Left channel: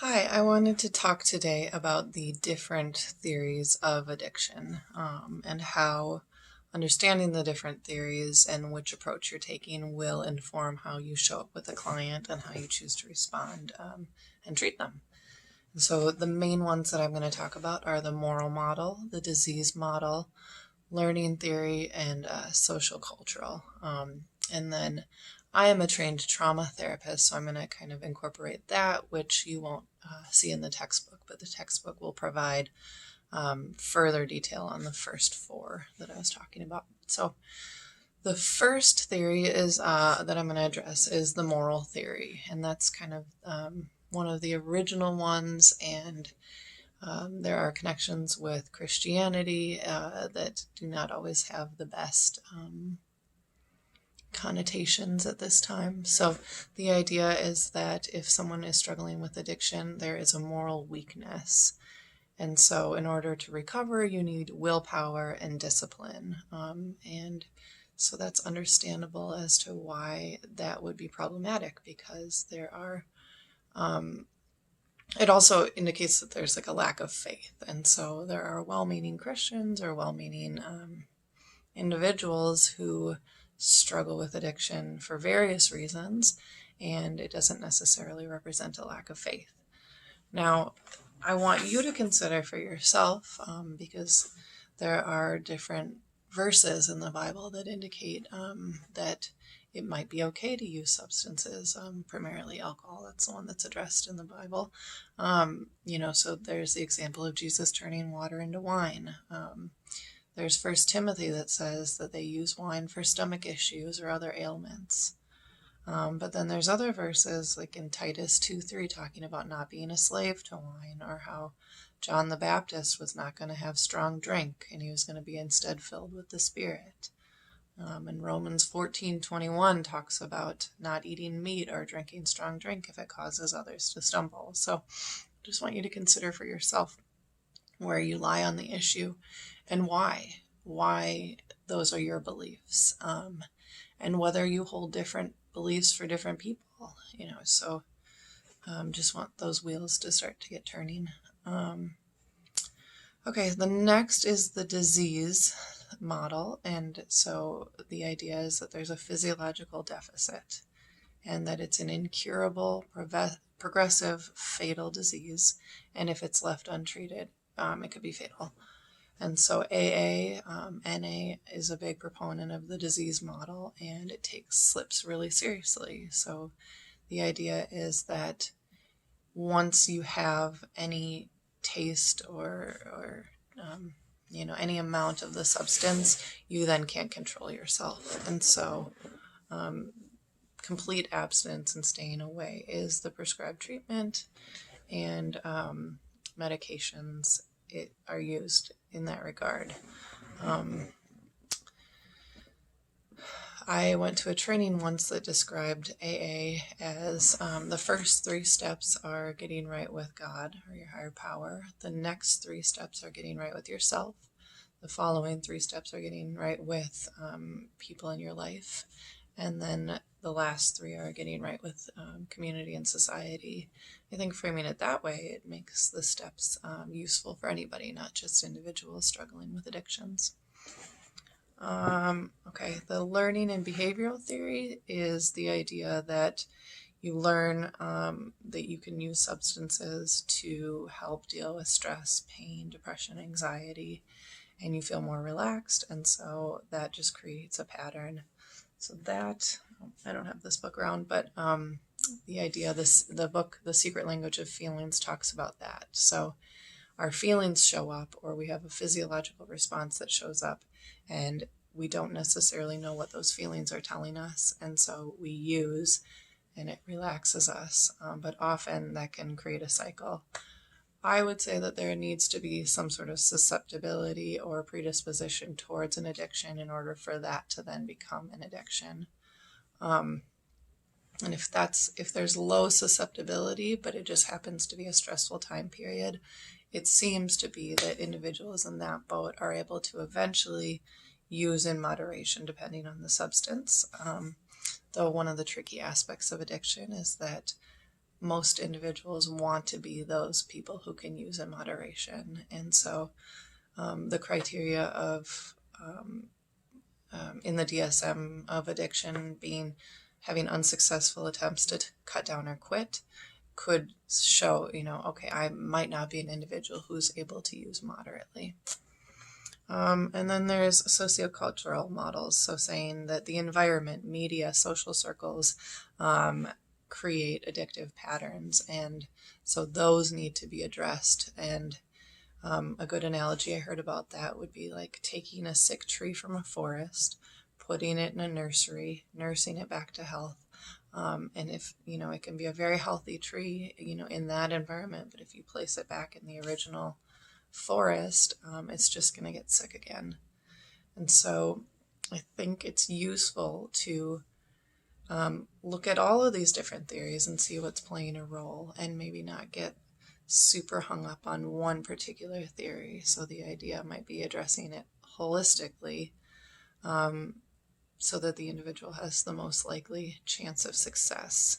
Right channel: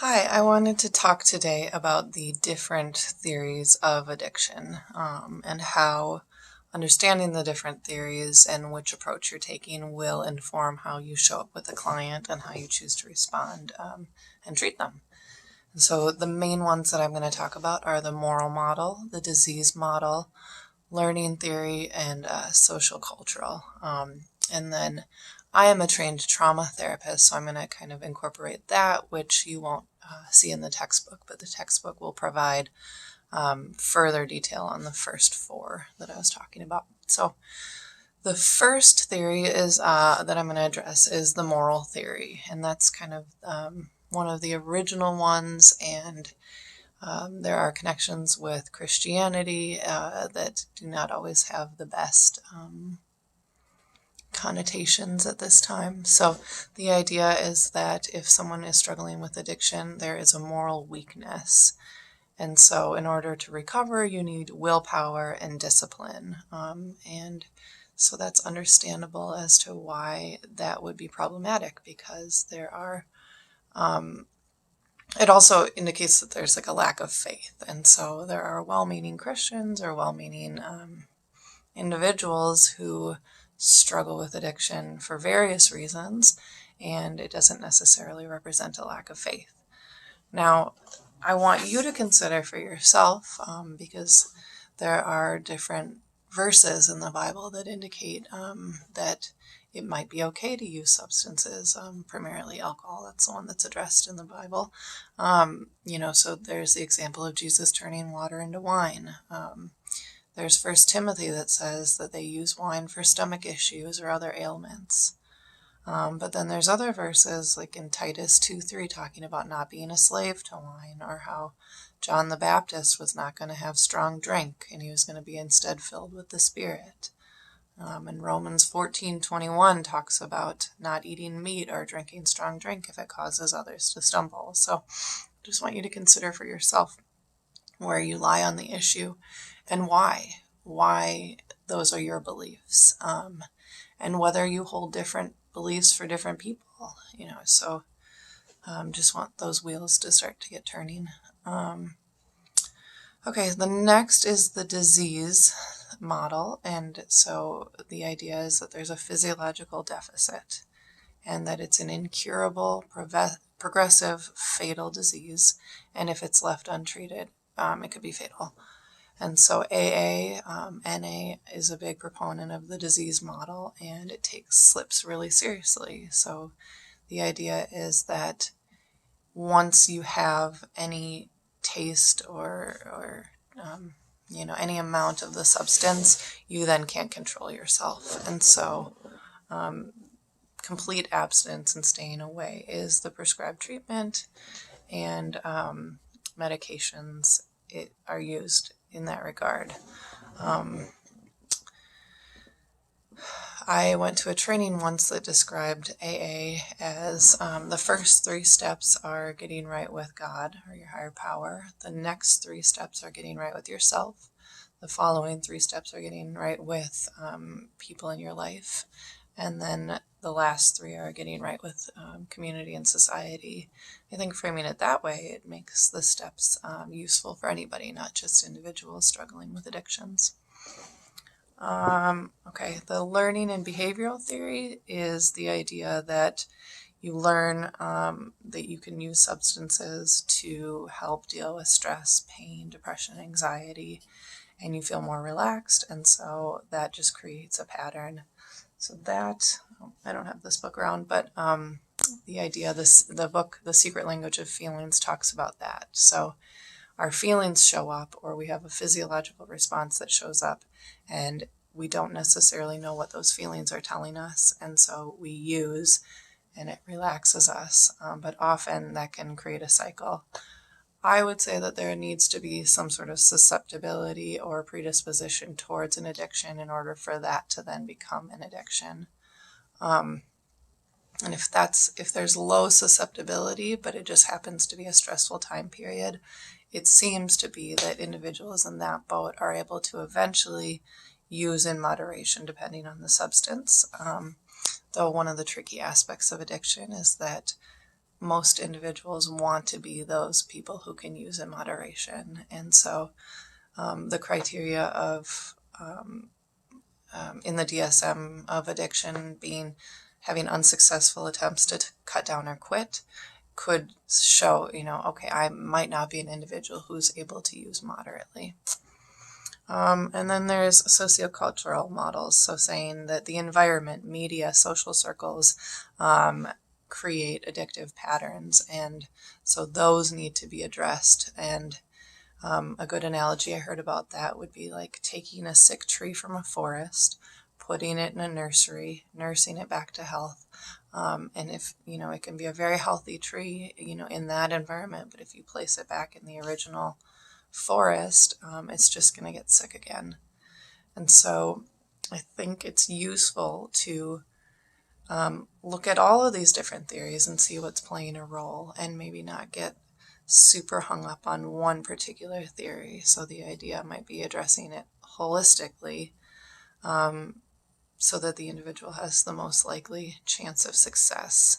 Hi, I wanted to talk today about the different theories of addiction and how understanding the different theories and which approach you're taking will inform how you show up with a client and how you choose to respond and treat them. And so, the main ones that I'm going to talk about are the moral model, the disease model, learning theory, and social cultural. And then I am a trained trauma therapist, so I'm going to kind of incorporate that, which you won't see in the textbook, but the textbook will provide further detail on the first four that I was talking about. So the first theory is that I'm going to address is the moral theory, and that's kind of one of the original ones, and there are connections with Christianity that do not always have the best connotations at this time. So the idea is that if someone is struggling with addiction, there is a moral weakness. And so in order to recover, you need willpower and discipline. And so that's understandable as to why that would be problematic because there are it also indicates that there's like a lack of faith. And so there are well meaning Christians or well meaning individuals who struggle with addiction for various reasons, and it doesn't necessarily represent a lack of faith. Now, I want you to consider for yourself, because there are different verses in the Bible that indicate that it might be okay to use substances, primarily alcohol. That's the one that's addressed in the Bible. So there's the example of Jesus turning water into wine. There's First Timothy that says that they use wine for stomach issues or other ailments. But then there's other verses like in Titus 2:3 talking about not being a slave to wine, or how John the Baptist was not going to have strong drink and he was going to be instead filled with the Spirit. And Romans 14:21 talks about not eating meat or drinking strong drink if it causes others to stumble. So I just want you to consider for yourself where you lie on the issue and why those are your beliefs, and whether you hold different beliefs for different people. So just want those wheels to start to get turning. Okay, the next is the disease model, and so the idea is that there's a physiological deficit and that it's an incurable, progressive, fatal disease, and if it's left untreated, it could be fatal. And so AA, NA is a big proponent of the disease model, and it takes slips really seriously. So the idea is that once you have any taste or any amount of the substance, you then can't control yourself. And so complete abstinence and staying away is the prescribed treatment, and medications are used in that regard. I went to a training once that described AA as the first three steps are getting right with God or your higher power. The next three steps are getting right with yourself. The following three steps are getting right with people in your life. And then the last three are getting right with community and society. I think framing it that way, it makes the steps useful for anybody, not just individuals struggling with addictions. Okay, the learning and behavioral theory is the idea that you learn that you can use substances to help deal with stress, pain, depression, anxiety, and you feel more relaxed, and so that just creates a pattern. So that, I don't have this book around, but the idea, the book, The Secret Language of Feelings, talks about that. So our feelings show up, or we have a physiological response that shows up, and we don't necessarily know what those feelings are telling us, and so we use, and it relaxes us, but often that can create a cycle. I would say that there needs to be some sort of susceptibility or predisposition towards an addiction in order for that to then become an addiction. And if there's low susceptibility, but it just happens to be a stressful time period, it seems to be that individuals in that boat are able to eventually use in moderation depending on the substance. Though one of the tricky aspects of addiction is that most individuals want to be those people who can use in moderation. And so the criteria of in the DSM of addiction being having unsuccessful attempts to cut down or quit could show, okay, I might not be an individual who's able to use moderately. And then there's sociocultural models, so saying that the environment, media, social circles create addictive patterns, and so those need to be addressed. And a good analogy I heard about that would be like taking a sick tree from a forest, putting it in a nursery, nursing it back to health. And if, it can be a very healthy tree, in that environment, but if you place it back in the original forest, it's just going to get sick again. And so I think it's useful to look at all of these different theories and see what's playing a role, and maybe not get super hung up on one particular theory. So the idea might be addressing it holistically, so that the individual has the most likely chance of success.